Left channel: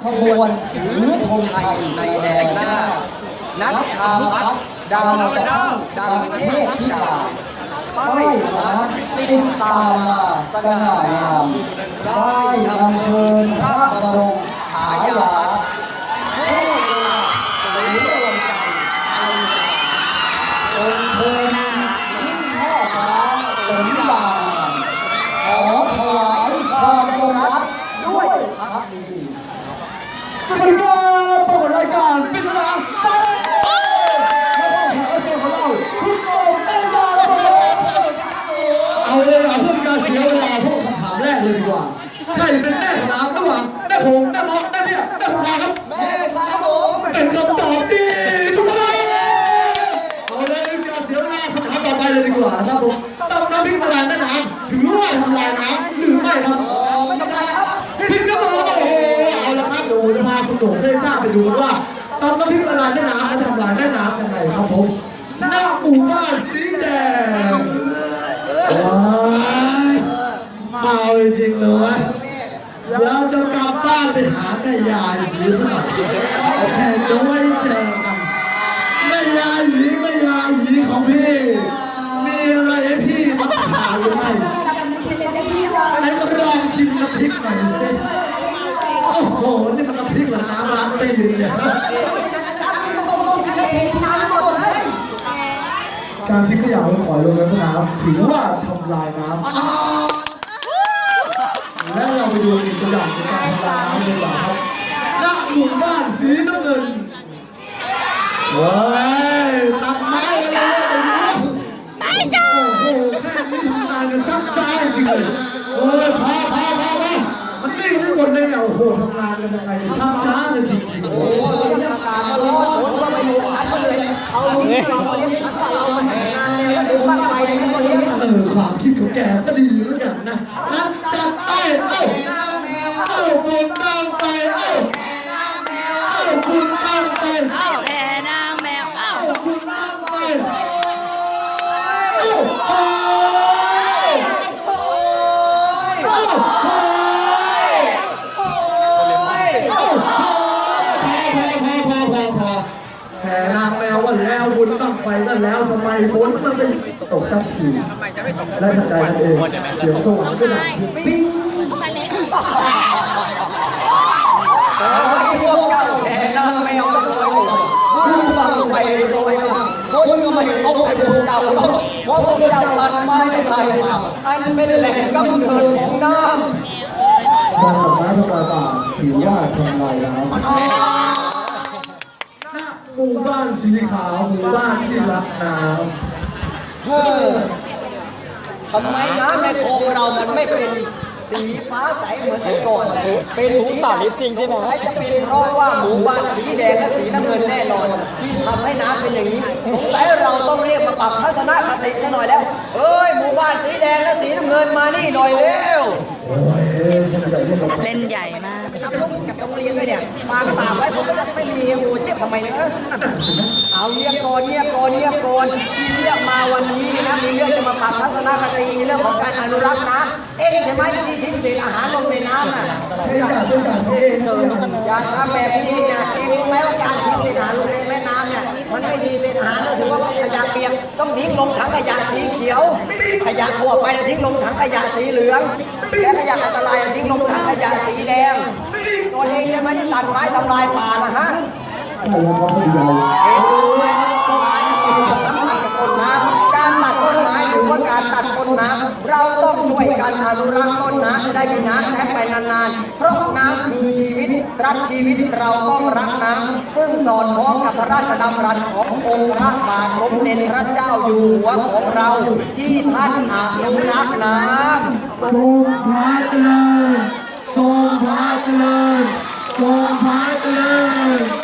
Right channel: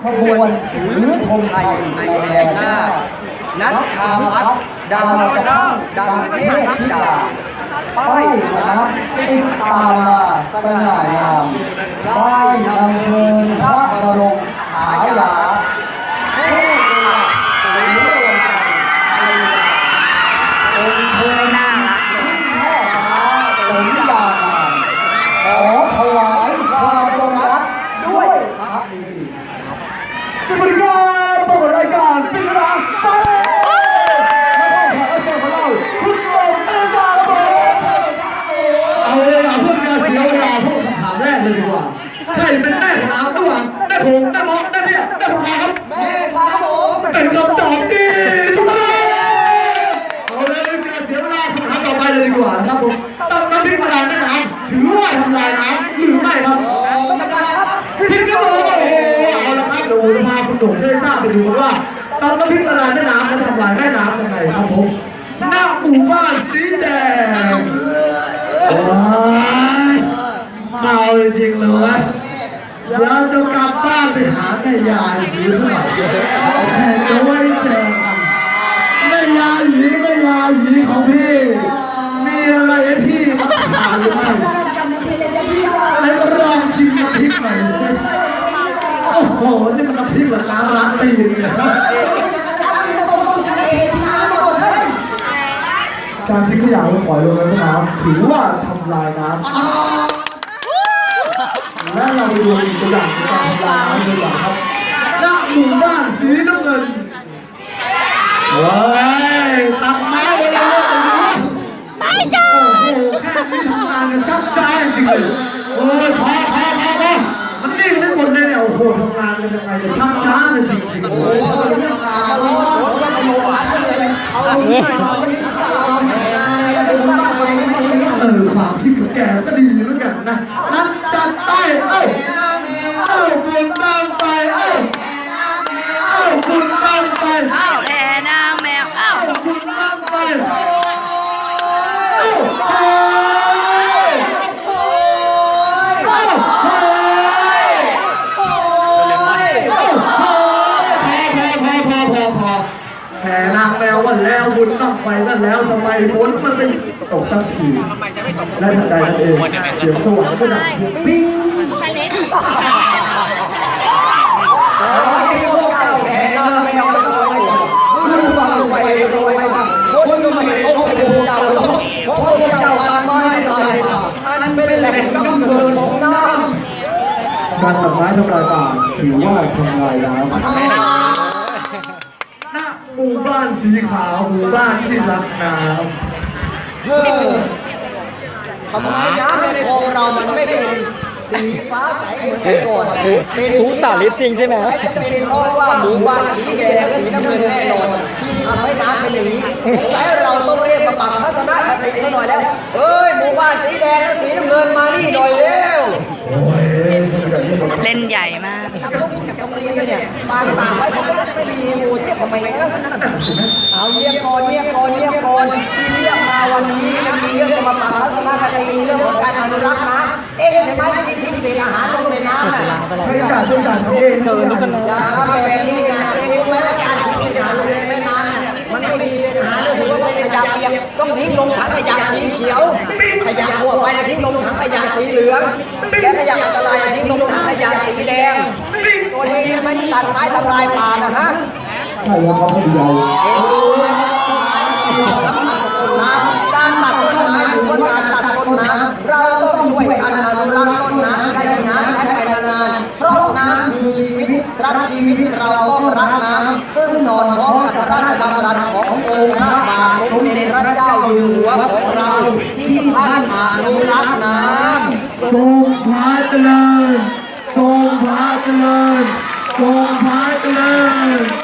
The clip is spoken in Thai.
ขบวนหรือธงชัยในแดนหน้านักชาวพับดาวจะเข้าดังเทพธิดาไฟนะครับติดตามมาสง่างามไฟนำเพลินพระบรมฉายา สวัสดีครับพบกับรายการกินร้านไปให้พ่อขกรับเชิญของเราคุณโตเต้ซาครับผมเอาเวลาเพื่อการเสียเวลาพวกคำถามแรกเลยดีกว่าใครเป็นแม่ของน้ำระหว่างแม่หงแม่มอแม่เนี่ยแม่ของเราครับแม่ครับผมเป็นคำตอบที่ถูกต้องเอาเลยการเสียเวลาคำถามต่อไปเลยดีกว่านะครับผมตั้งน้ำพริกละลายแม่น้ำถือว่าทำลายน้ำหรือไม่ครับ ผมจะพาคุณโด่งเชยซ่าไปดูกันว่าตำน้ำพริกละลายแม่น้ำมันทำลายแม่น้ำยังไงครับผมหน้าหมู่บ้านสีแดงว้ายเมาจริงเลยวะเราจะกลับบ้านไปหาแม่ยายหรือสักหน่อยแค่ด้วยเจอกัน การทิ้งขยะลงฝอยลงในแม่น้ำถือว่าทำลายน้ำและเราไปดูอีกตัวอย่างในการทำลายน้ำตัวอย่างครับณหมู่บ้านสีน้ำเงินเว้ยตัดไม้อะไรเนี่ยไอ้หนู โอ้โห แค่นี้ทำงานกันชักใจจริงเลยโอ้ยพอพอพอพอมันนิ่งไม่หมดเลยเนี่ย โอ้โห ทำงานกันยังไงเนี่ยชักช้าเลยจริงๆโอ้โหเออความคิดของแกก็ดีเหมือนกันนะ ทำไมฝนมันไม่ตกสักทีและทันใดนั่นเองเสียงสว่างก็ดังปิ้งการตัดไม้ทำลายป่าถือว่าทำลายน้ำณหมู่ บ้านสีขาวหมู่บ้านที่รักน้ำเฮ้อทำไมน้ำในคลองเรามันไม่เป็นสีฟ้าใสเหมือนแต่ก่อนเป็นรู้สาลิปซิงใช่ไหมจะเป็นเพราะว่าหมู่บ้านสีแดงและสีน้ำเงินแน่นอนที่ทำให้น้ำเป็นอย่างนี้แล้วเราต้องเรียกมาปรับทัศนคติซะหน่อยแล้วเฮ้ยหมู่บ้านสีแดงและสีน้ำเงินมานี่หน่อยเร็วโอ้ยคนใหญ่ที่หมดเล่นใหญ่มาก เอาเงียก่อนเงียก่อนเงียก่อนที่เรียกมาวันนี้นะมีเรื่องจะมาปรับทัศนคติเรื่องของการอนุรักษ์น้ำเอ๊ะใช่ไหมที่ทิ้งเศษอาหารลงในน้ำน่ะให้จ่ายด้วยจ่ายเขาเองเจอแล้วกันอย่ทำแบบนี้อย่าเองรู้ไหมว่าการทิ้งเศษอาหารลงในแม่น้ำน่ะมันไม่ดีเศษอาหารเลยถือว่าเป็นขยะเปียกต้องทิ้งลงถังขยะสีเขียวขยะทั่วไปทิ้งลงถังขยะสีเหลืองและขยะอันตรายทิ้งลงถังขยะสีแดงตัวเองไม่ได้ตัดไม้ทำลายป่านะฮะใช่แล้วครับพี่เดียวการ พระเจริญทรงพระเจริญทรงพระเจริญ